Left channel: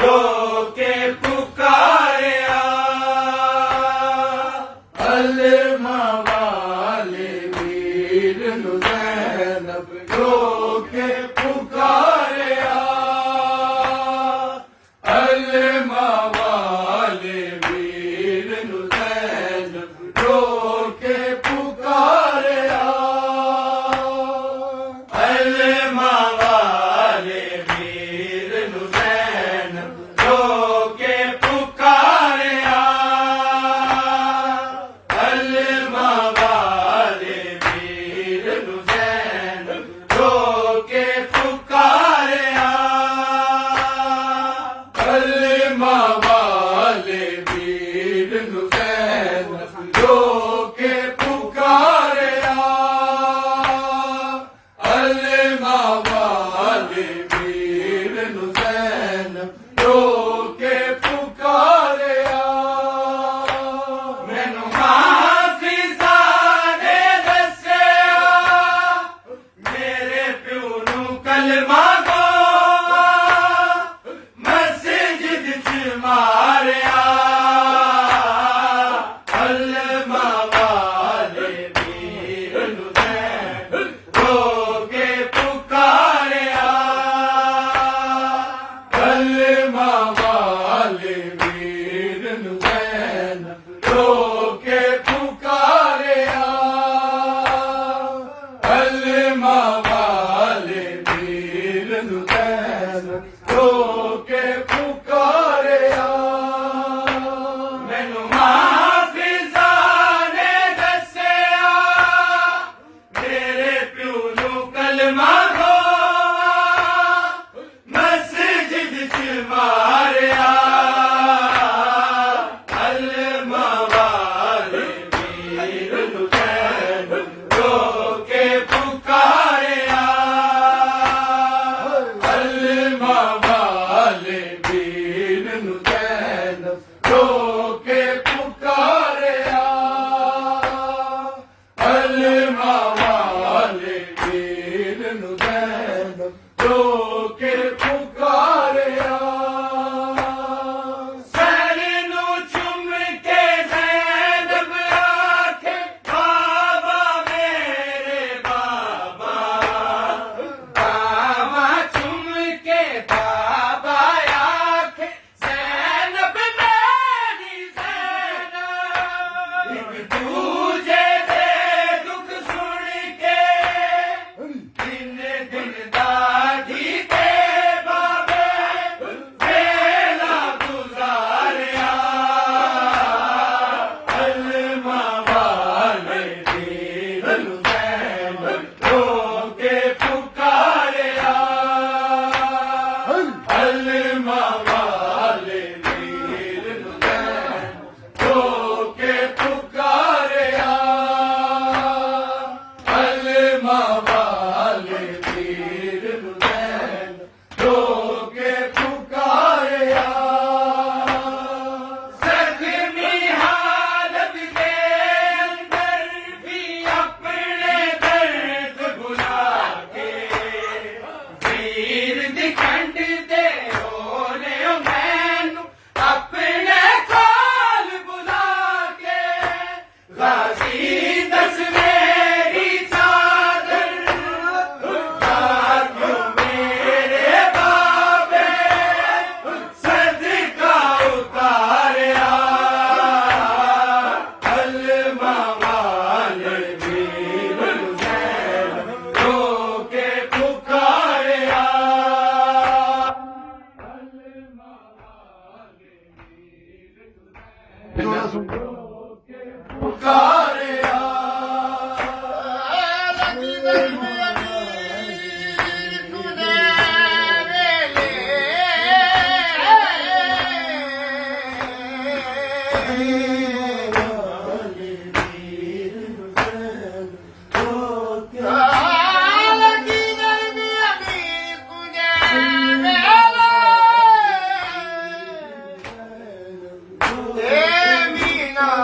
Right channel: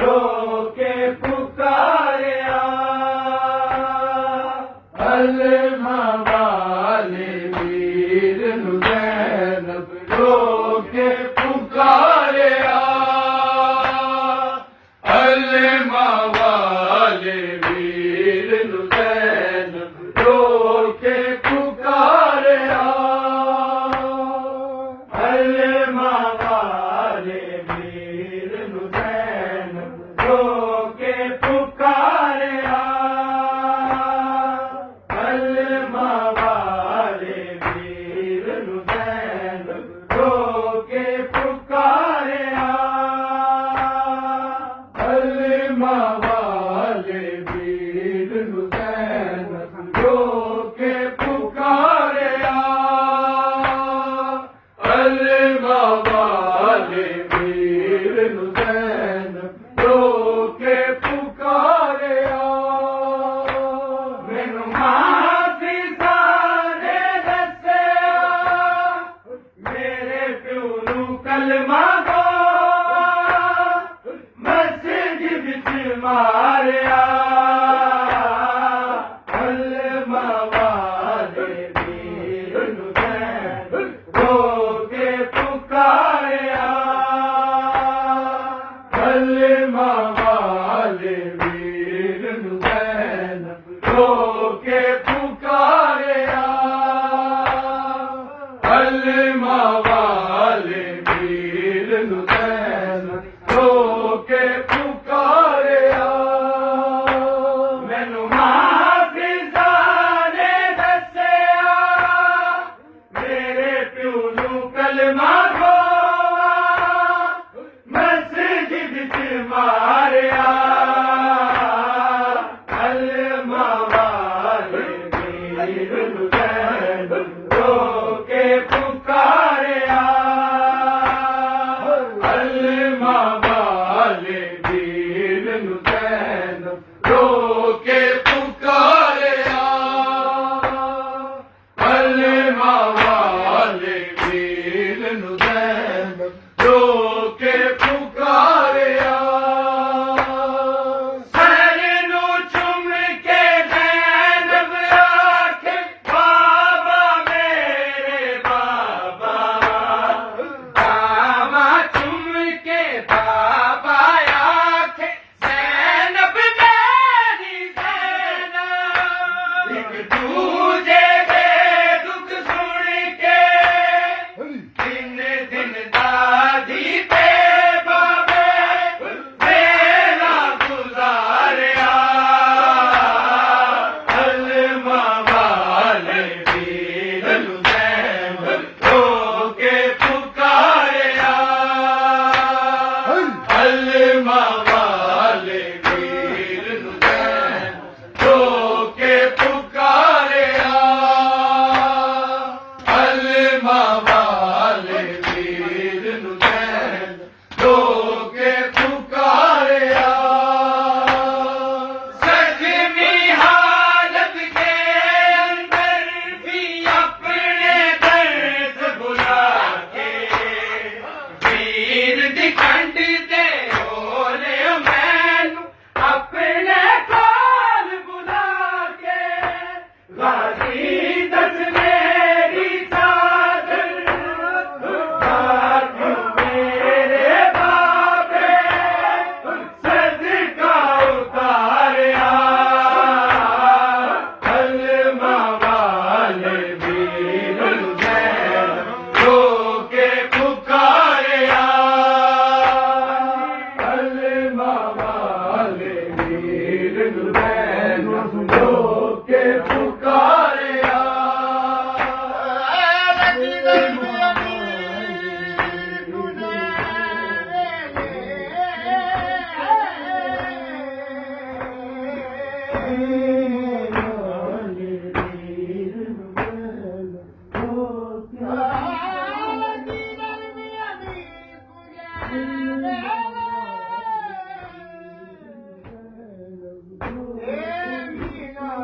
लोके पुकारिया अलमा वाले वीर नु ज़ैनब लोके पुकारिया अलमा वाले वीर नु ज़ैनब लोके पुकारिया अलमा वाले वीर नु ज़ैनब लोके पुकारिया अलमा वाले वीर नु ज़ैनब लोके पुकारिया अलमा वाले वीर नु ज़ैनब लोके पुकारिया अलमा वाले वीर नु ज़ैनब लोके पुकारिया मैनू हाफिज़ा ने दस्सिया मेरे प्यो नू कलमा दो मस्जिद च मारिया अलमा वाले वीर नु ज़ैनब लोके पुकारिया अलमा वाले वीर नु ज़ैनब लोके पुकारिया अलमा वाले वीर नु ज़ैनब लोके पुकारिया मैनू हाफिज़ा ने दस्सिया मेरे प्यो नू कलमा दो मस्जिद च मारिया अलमा वाले वीर नु ज़ैनब लोके पुकारिया अलमा वाले वीर नु ज़ैनब लोके पुकारिया अलमा वाले वीर नु ज़ैनब लोके पुकारिया सर नू चुम के ज़ैनब आखे बाबा मेरे बाबा बाबा चुम के बाबा आखे ज़ैनब मेरी ज़ैनब एक दूजे दे दुख सुन के दिन दिन दादी ते बाबे वेला गुजारिया अलमा वाले वीर नु ज़ैनब लोके पुकारिया अलमा वाले वीर नु ज़ैनब लोके पुकारिया अलमा वाले वीर नु ज़ैनब लोके पुकारिया ज़ख्मी हालत के अंदर भी अपने दर्द भुला के वीर दिखंड दे बोले मैनू अपने कोल बुला के गाजी दस मेरी चादर भाग्यों मेरे बाबे सदका उतारिया अलमा वाले वीर नु ज़ैनब लोके पुकारिया अलमा वाले वीर नु ज़ैनब लोके पुकारिया Mina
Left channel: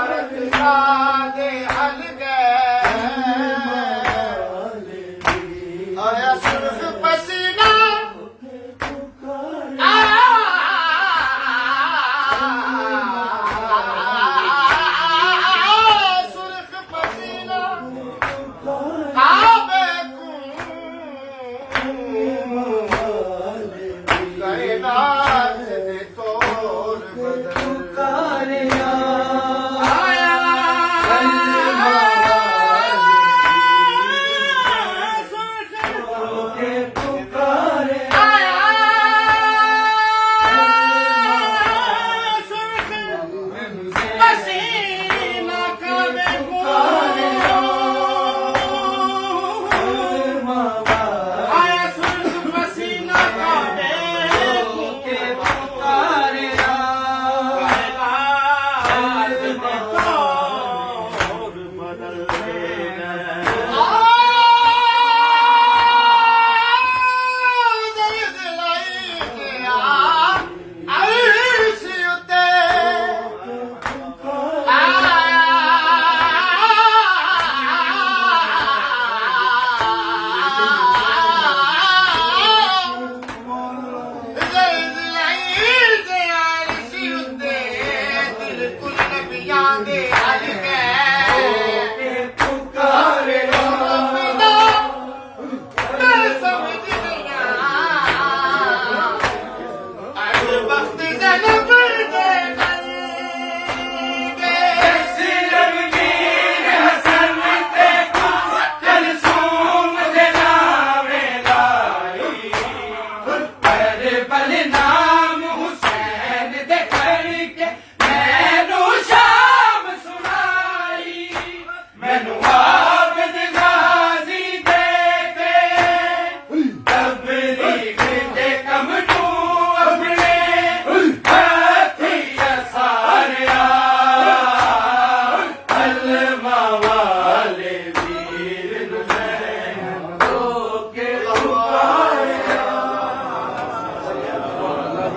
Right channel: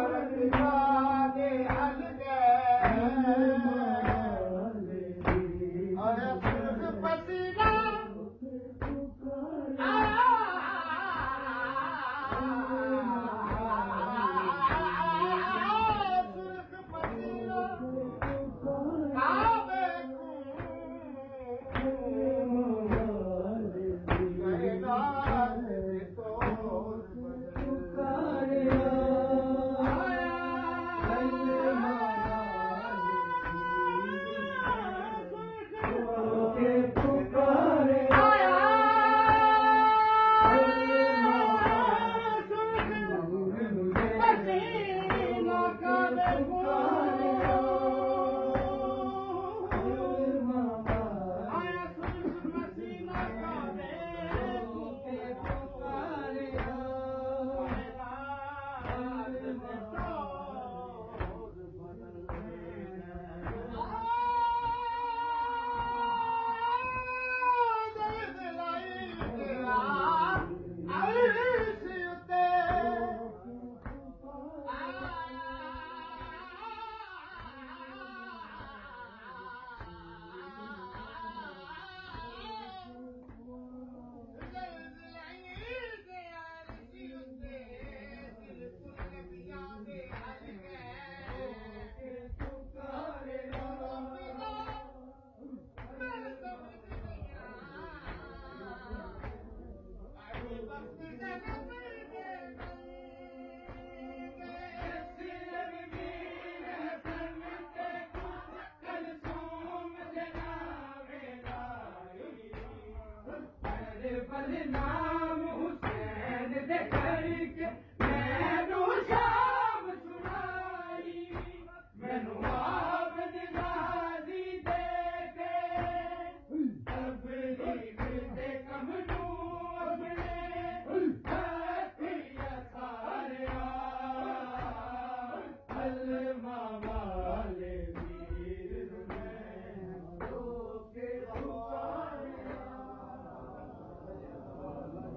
ਪਲਨਾ